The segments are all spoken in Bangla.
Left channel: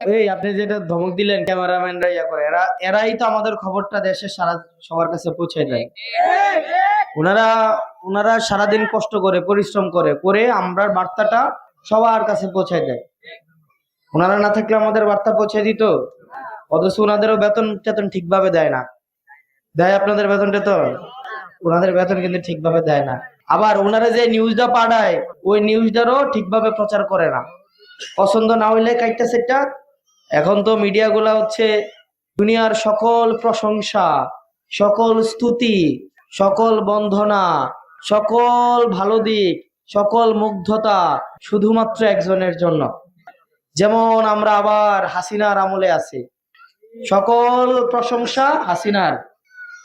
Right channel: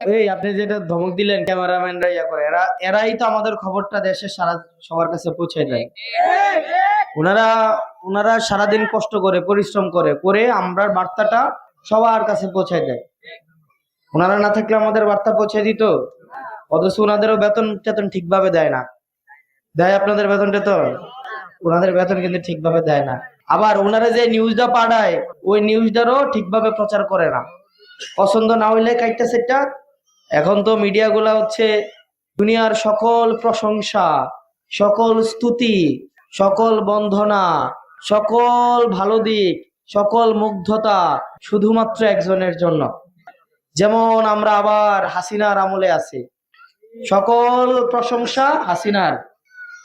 এই আপনি যেটা ধমক দিলেন ক্যামেরাম্যানরা ইয়া করে, এরাই তো আমাদের খবরটা দেশের সবার কাছে পৌঁছে দেয়। ওনারা ওনারা সারাদিন কষ্ট করে পরিশ্রম করে আমরা বার্তাটা সবার কাছে পৌঁছে দেয়। ওনারা না থাকলে আমাদের বার্তা পৌঁছে দিত? অথচ ওনাদেরও বেতন টেতন ঠিকভাবে দেয় না। দেয় আপনাদের বেতন টেতন? ওনাদের বেতন কিন্তু ঠিকভাবে দেয় না। আবার ওনারা যে নিউজটা পাঠায় ওই নিউজটারও ঠিকভাবে প্রচার করে না। পছন্দ না হইলে কাইটা সেটা। এখন তো মিডিয়া গুলা হচ্ছে দুনিয়ার সকল প্রশংসা, সকল স্তুতি, সকল বন্দনা, সকল ভালো দিক, সকল মুগ্ধতা শুধুমাত্র একজনের জন্য। যেমন আমরা আবার হাসিনার আমলে আছি, সকল প্রশংসা হাসিনার,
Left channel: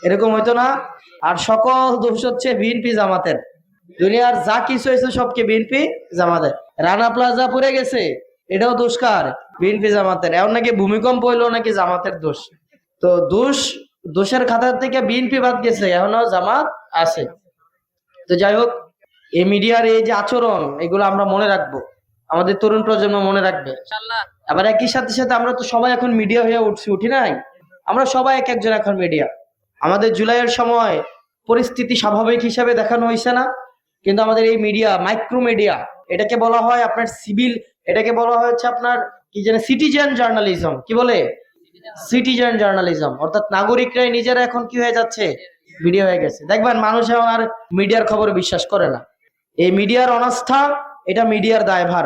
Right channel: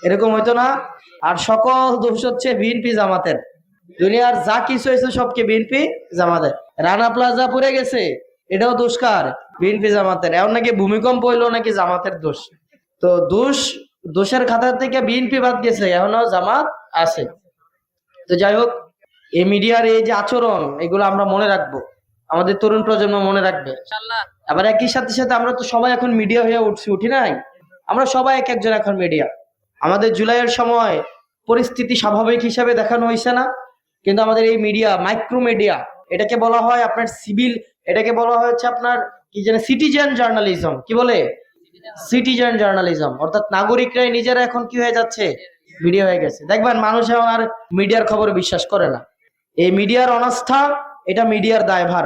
এরকম হইতো না? আর সকল দোষ হচ্ছে বিএনপি জামাতের। দুনিয়ার যা কিছু হয়েছে সবকে বিএনপি জামাতের। রানা প্লাজা পড়ে গেছে, এটাও দোষ কার? বিএনপি জামাতের। এখন নাকি ভূমিকম্প হইলো নাকি জামাতের দোষ। তো দোষের খাতার থেকে বিএনপি বাদ গেছে, এখনো জামাত আছে। তো যাই হোক, এই মিডিয়ার এই যে আচরণ, এগুলো আমরা মনে রাখবো, আমাদের তরুণ প্রজন্ম মনে রাখবে। আবার একই সাথে সাথে আমরা তো সবাই এখন মিডিয়া হয়ে উঠি নাই? আমরা সবাই এক একজন এখন মিডিয়া। আমাদের জুলাইয়ের সময় পরিস্থিতি স্বাভাবিক হিসাবে দেখানো হয়েছে না, কিন্তু আমাদের এই মিডিয়া, মাইক্রো মিডিয়া, এটাকে বলা হয় আপনার সিভিল, এটাকে বলা হয় হচ্ছে আপনার কি জানে সিটিজেন জার্নালিজম। কি বলে? Citizen journalism. অর্থাৎ নাগরিকরাই নিজেরা এখন কি হয়ে যাচ্ছে? মিডিয়া হয়ে গেছে। দেখবেন মানুষ আর মিডিয়ার খবরে বিশ্বাস করে না। এই মিডিয়ার অনাস্থা, এটা মিডিয়ার দায়ভার।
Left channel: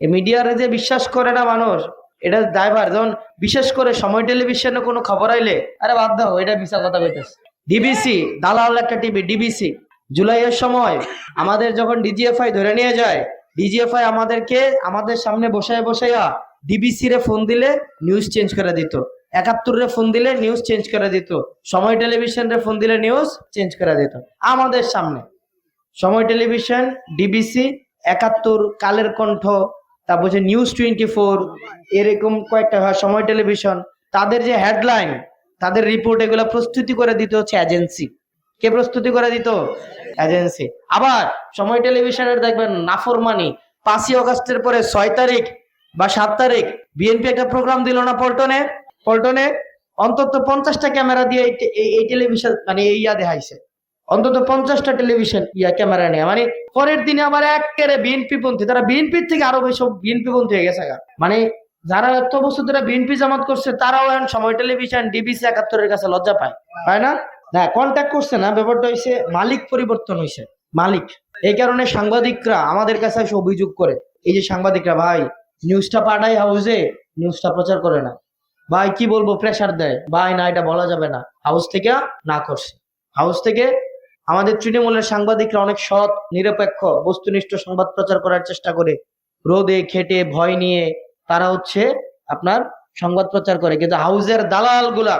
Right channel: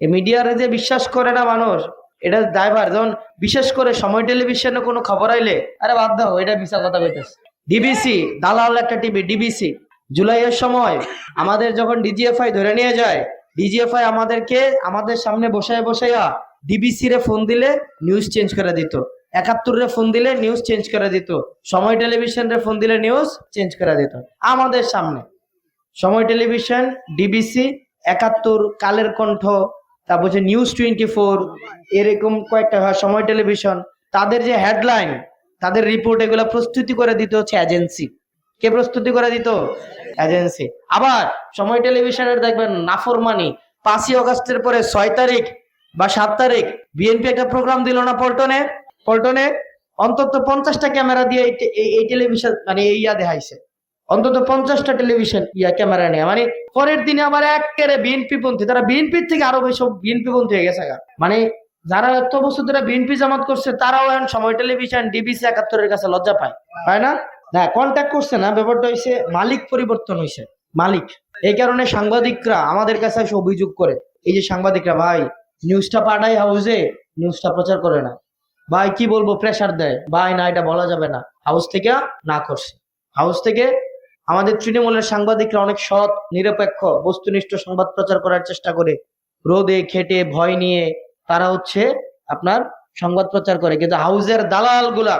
এই মিডিয়ারে যে বিশ্বাস করে না মানুষ, এটা দায়ভার। যেমন বিশেষ করে সময় টেলিভিশনে কোনো খবর আইলে আরে বাদ দাও, এটা মিশা কথা কইতেছে। ডিবিসি দালাল একটা টিভি, ডিবিসি জুলাইয়ের সময় আমাদের যখন ডিজিএফআই ধরে নিয়ে যায়, ডিজিএফআই আমাদেরকে আমাদের সামনে বসাইয়া ডিবিসি রে ফোন দিলে নিউজ চেঞ্জ করে দিত, ৭১ রে ফোন দিলে নিউজ চেঞ্জ করে দিত, সময় টেলিভিশন রে ফোন দিলে নিউজ চেঞ্জ করে দিত আমাদের সামনে। সময় টেলিভিশন, ডিবিসি, ৭১, কালের কণ্ঠ, তারপর যে নিউজ 24, এরকম কয়েকটা সময় টেলিভিশন, তাদের যে হেডলাইন, তাদের রিপোর্ট, এগুলো প্রস্তুতি করে দিতে হচ্ছে এজেন্সি। কে প্রস্তুতি করে দিত? এজেন্সি। আবার সময় টেলিভিশনের দেখবেন নাফরমানি, ৫ই আগস্টের পরে ৬ তারিখ বা ৭ তারিখ বিএনপি একটা প্রোগ্রাম দিল না পল্টনে? পল্টনে অন্তত ৫০টা ক্যামেরা দিয়ে এই টেলিভিশন মানে ইয়া দেখাইছে, অন্তত ৫০টা টেলিভিশন ক্যামেরা নিয়ে। মানে পরের দিনে আবার একেবারে বিএনপি পন্থী, তারা বিএনপির থেকে আরো বেশি বিএনপি পন্থী হয়ে গেছে। মানে যারা এত বছর ধরে বিএনপি জামাত করছে তারাও এখন সময় টেলিভিশন, ডিবিসি, ৭১-এর কাছে লজ্জা পায়, হয় না? হ্যাঁ, কন্ট্যাক্ট করছে না, ব্যাপারটা হয়েছে মালিক পরিবর্তন হয়েছে, মালিক। এই কারণে সাংবাদিকরা আমাদের কাছে এসে অভিযোগ করে, এই যে সাংবাদিকরা ভাই নিউজটা পাঠায় হাউসে, নিউজটা প্রচার করে না ভাই, কি বলবো, প্রেসার দেয় ভাই, না এটা বলা যাবে না, হাউস থেকে না করছে। হাউস থেকে আমাদের তৃণমূলের সাংবাদিকরা অনেক সৎ, নিরপেক্ষ, বস্তুনিষ্ঠ সংবাদ প্রচার করার চেষ্টা করে, রোদে খেটে ভয় নিয়ে তারা হচ্ছে আপনার সংবাদ প্রচার করে, কিন্তু হাউসের দালাল গুলা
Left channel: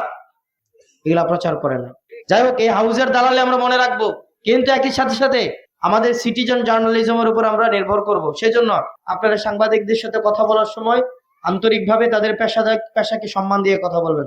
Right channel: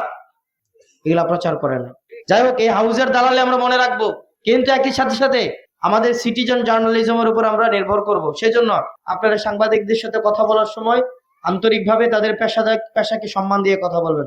এগুলা প্রচার করে না। যাই হোক, এই হাউসের দালালে আমরা মনে রাখবো, কিন্তু একই সাথে সাথে আমাদের সিটিজেন জার্নালিজমের উপর আমরা নির্ভর করব। সেজন্য আপনাদের সাংবাদিকদের সাথে কথা বলার সময় আন্তরিকভাবে তাদের পেশাকে সম্মান দিয়ে কথা বলবেন।